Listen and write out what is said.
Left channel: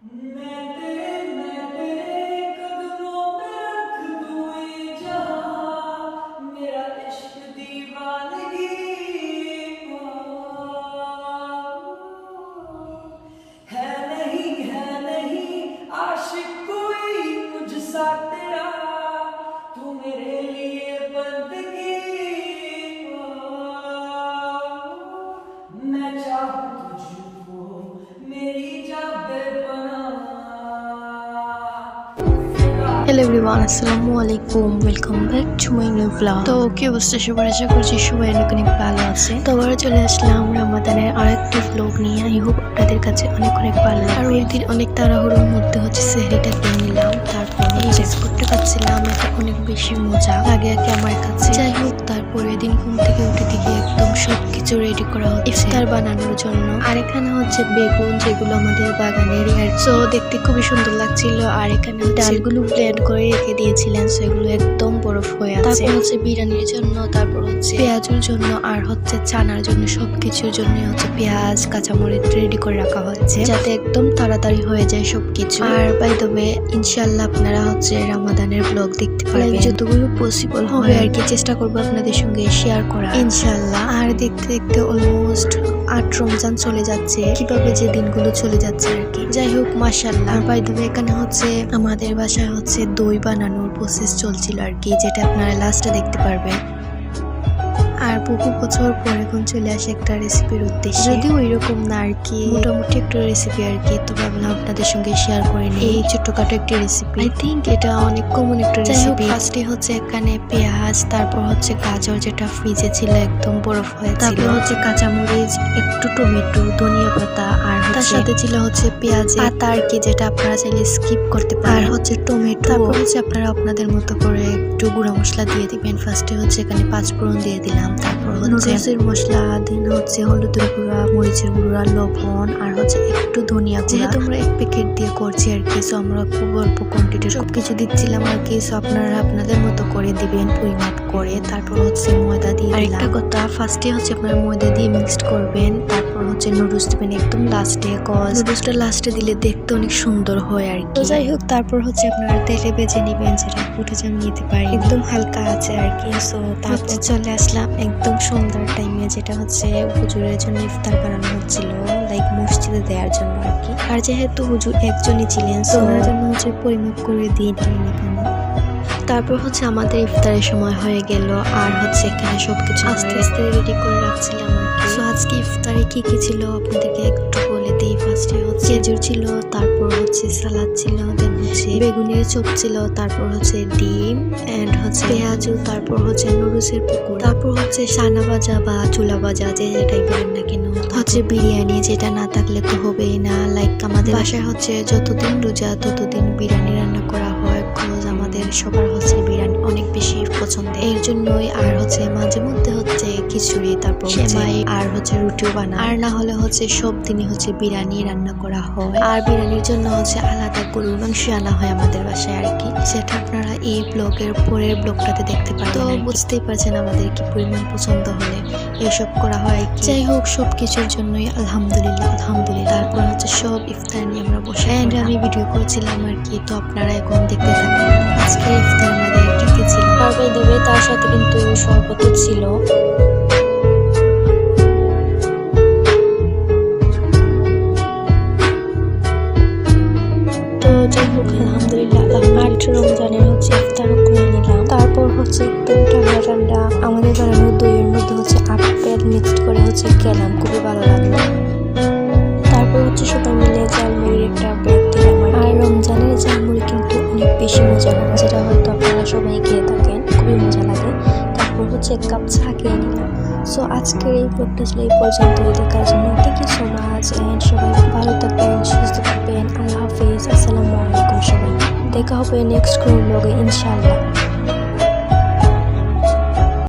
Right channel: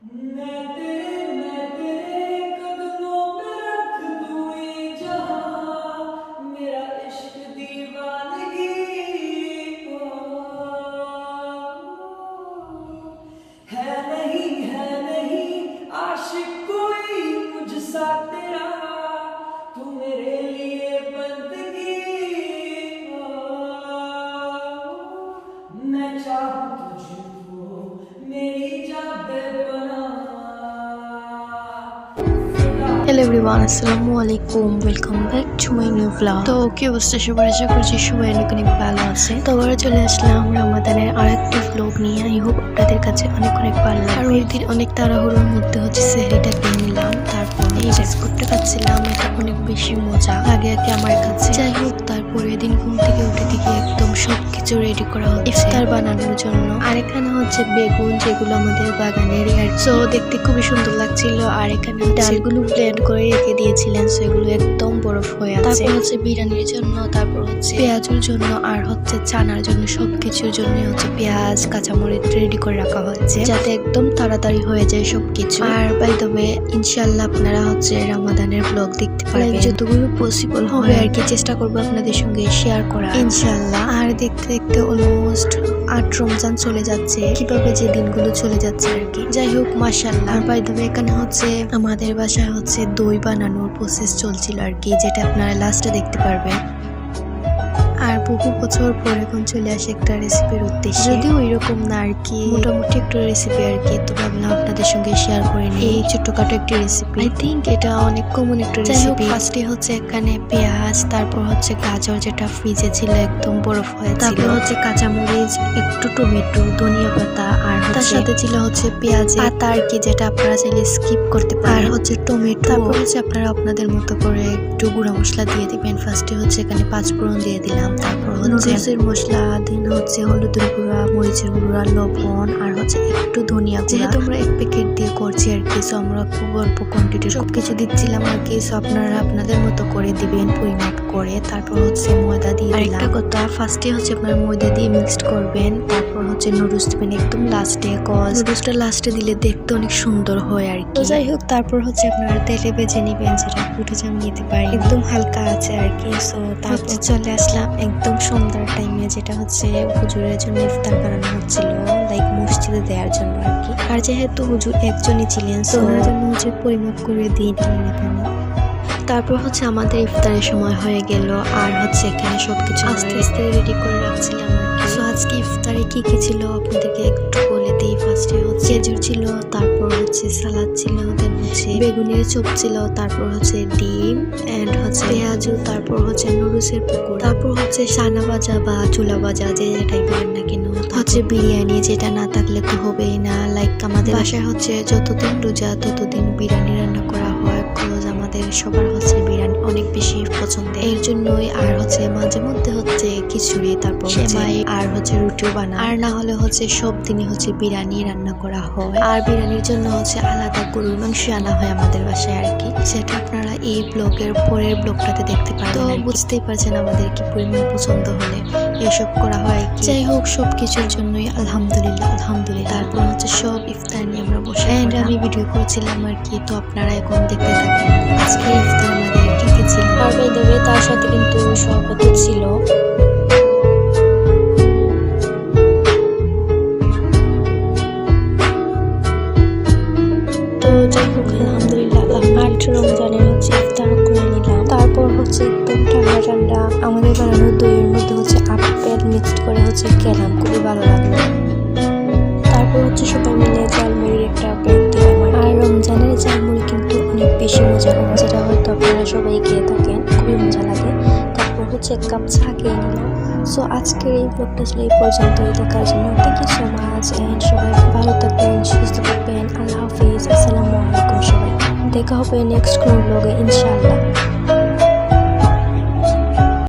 मैं तेरे कदमों में रख दूं ये जहां, मेरा इश्क दीवानगी ओ, है नहीं आशिक कोई मुझसा तेरा, तू मेरे लिए बंदगी मैं चाहूं तुझको मेरी जान बेपनाह। হ্যালো এভরিওয়ান, আসসালামু আলাইকুম, welcome back to my new blog. তো কি অবস্থা সবার, আশা করছি সবাই অনেক অনেক ভালো আছে। তো আবার চলে আসলাম রমাদানের আরেকটি ব্লগ নিয়ে। আই হোপ আপনাদের কাছে অনেক অনেক ভালো লাগবে। আর ওই দিন অনেক তাড়াহুড়োর মধ্যে সেহরিটা খেয়ে নিলাম, তারপর এই বিস্কুটটা খাচ্ছিলাম, এটা অনেক বেশি মজা লাগে আমার কাছে। যাই হোক, তারপরে দিন ঘুম থেকে উঠে দিকে একদম সবকিছু রেডি করা হচ্ছে ইফতার বানানোর জন্য। আর এখানে হচ্ছে বেগুন, যেগুলো আমাদের বাগানের, আর সো দেখতে খুবই সুন্দর লাগছিল। আর এখানে ডালগুলো ব্লেন্ড করে রেখে দিয়েছিলেন, সেগুলো একদম বরফ হয়ে আছে। তারপর হচ্ছে বিরিয়ানির জন্য, তারপর হচ্ছে পেঁয়াজের জন্য, আর হচ্ছে চানার জন্য, সবকিছুর জন্য হচ্ছে পেঁয়াজ কাঁচামরিচ রেডি করে রাখা হয়েছে, যাতে একদম তাড়াতাড়ি হয়ে যায় সবকিছু। আর বাই দ্য ওয়ে, ইনশাআল্লাহ আপনারা হচ্ছে রমাদানের ব্লগ দেখতে পারবেন, যতগুলো পসিবল হবে আর কি চেষ্টা করবো আপনাদের সঙ্গে শেয়ার করা ইনশাআল্লাহ। আর দেখতে দেখতে অলমোস্ট 8 রমজান চলে যাচ্ছে, কিভাবে যে দিনগুলো চলে যাচ্ছে আর কি। যাই হোক, মাশাআল্লাহ। আর বাই দ্য ওয়ে, এখানে হচ্ছে আমাদের বাসায় হচ্ছে দই বানানোর প্রসেস চলছিল আর কি, যেটা আপনারা লাস্টে দেখতে পারবেন। আর বহু বছর পর এখন চলে আসে একটা রেসিপির উদ্দেশ্যে, যদিও ওইরকম না আর কি, মোটামুটি একটা রেসিপি আর কি। তো ভাবলাম আপনাদের সঙ্গে শেয়ার করে নিই এই ছোট্টখাটো একটি রেসিপি। আই থিঙ্ক এটা অনেক কমন একটা রেসিপি। ফার্স্টে হচ্ছে এখানে পেঁয়াজ, তারপর হচ্ছে গাজর যেটা ফ্রিজে ছিল একদম বরফ হয়েছিল, তারপর হচ্ছে কাঁচামরিচ, একটু টমেটো, ধনিয়া পাতা, আর তার সাথে ছিল হচ্ছে পেঁয়াজ পাতা আর কি, যেটা আপনারা চাইলে স্কিপ করতে পারেন, আর হচ্ছে টমেটো। তারপর হচ্ছে আপনারা আপনাদের মতো করে একটু গুঁড়া মশলা দিয়ে দিবেন। ফার্স্টে হচ্ছে এখানে 5 ফোড়ন দিয়ে দিলাম, তারপর হচ্ছে মশলা, দেন হচ্ছে হলুদের গুঁড়া, মরিচের গুঁড়া, লবণ, আর হচ্ছে একটু ধনিয়া গুঁড়া। যেহেতু আমরা 1 প্যাকেট দিয়ে করছি আর কি, সো আমরা খুব অল্প কোয়ান্টিটি সবকিছু দিচ্ছিলাম আর কি। সো আপনারা আপনাদের মতো করে দিবেন, পরিমাপ করে। তারপর হচ্ছে ময়দা দিয়ে দিলাম। আরেকটা কথা, ফার্স্টে হচ্ছে আপনারা ময়দা দিয়ে মিক্সড করবেন, তারপর হচ্ছে নুডলস দিবেন একদম লাস্টে, কজ নুডলসটা লাস্টে দিলে দেখতে অনেক সুন্দর হয় আর কি। যাই হোক, তারপর হচ্ছে আপনারা তেলে ভেজে নিবেন, যেটা ফুটে জাম নিতে পারেন, একদম হালকা আছে আর কি। সো তারপর চলে আসলাম একদম সন্ধ্যার টাইমে, যেটা হচ্ছে হুজুরের জন্য ইফতার বানানো হচ্ছিল, লাইক মসজিদে দেওয়ার জন্য আর কি। আর যেহেতু হুজুর একজনই ছিলেন, সো ওনার জন্য হচ্ছে পরিমাপ করে দিয়ে দিলেন এখানে। তারপর হচ্ছে আমাদের ইফতারের সময় হয়ে গেল, আর হচ্ছে এখানে সবকিছু আস্তে আস্তে রেডি করে রাখছিলাম আর কি। সো আজকে ইফতারে কি কি ছিল আপনাদেরকে একটু বলে দিই। ফার্স্টে হচ্ছে খেজুর ছিল, তারপর হচ্ছে সালাদ ছিল, দেন হচ্ছে বেগুনের চপ ছিল, তারপর হচ্ছে ডিম এন্ড হচ্ছে পেঁয়াজু, তারপর হচ্ছে নুডলসের পকোড়া, তারপর হচ্ছে সানা ভাজা বা চুলা ভাজা, যে যেটাই বলেন না কেন, হচ্ছে বিরিয়ানি, যেটা না থাকলে তো হবেই না। লাইক আমাদের বাসায় হচ্ছে যতদিন রোজা ততদিন বিরিয়ানি রান্না করা হয়, কজ আমাদের সবার হচ্ছে বিরিয়ানি অনেক বেশি পছন্দের, এর জন্যই। আর হচ্ছে মাঝে মধ্যে হচ্ছে খিচুড়ি, তারপর সেমাই, আর হচ্ছে রুটিও বানায়। আর না হলে হচ্ছে সব দিনই হচ্ছে বিরিয়ানি রান্না করা হয়। আর বিরিয়ানির জন্য হচ্ছে আলাদা গরুর মাংস আনা হয় আমাদের বাসায় আর কি, সেটা আপনারা এই ব্লগের পরের ব্লগটাতে দেখতে পারেন। তো বুঝতেই পারছেন আমাদের কি পরিমাণ পছন্দ হলে এসব করা হয়। যাই হোক, সবকিছুর জন্যই আলহামদুলিল্লাহ আলহামদুলিল্লাহ। তারপর হচ্ছে সব ইফতার নিয়ে আমরা বসে আমি ভিডিও করছিলাম আর কি। তো আপনারা এখন দেখতে থাকেন আজকের ইফতার আমাদের কি কি ছিল। আর বাই দ্য ওয়ে, তার সাথে কিন্তু শরবত ছিল। তো যাই হোক, আলহামদুলিল্লাহ 8 রমজানের হচ্ছে ইফতার করে নিলাম। তারপর হচ্ছে একদম ঠান্ডা ঠান্ডা আমাদের বানানো দইয়ের মধ্যে হচ্ছে আপেল মিক্সড করে হচ্ছে খেলাম, খুবই ভালো লাগলো। তারপর হচ্ছে সবাই মিলে ঝালমুড়ির একটা ব্রেক দিলাম। আর রমজানের ঝালমুড়ি কিন্তু অনেক বেশি মজা হয়, যেটা হয়তো আপনারা সবাই খেয়ে থাকেন, খুবই মজা লাগে। তারপর হচ্ছে 1 কাপ চা খেয়ে নিলাম। সো আজকের এই ব্লগটা ছিল এই পর্যন্তই। দেখার জন্য thank you so much, and সবাই ভালো থাকবেন, সুস্থ থাকবেন। আল্লাহ হাফিজ, আসসালামু আলাইকুম। সবাই দেখা হবে নেক্সট কোনো ব্লগে ইনশাআল্লাহ।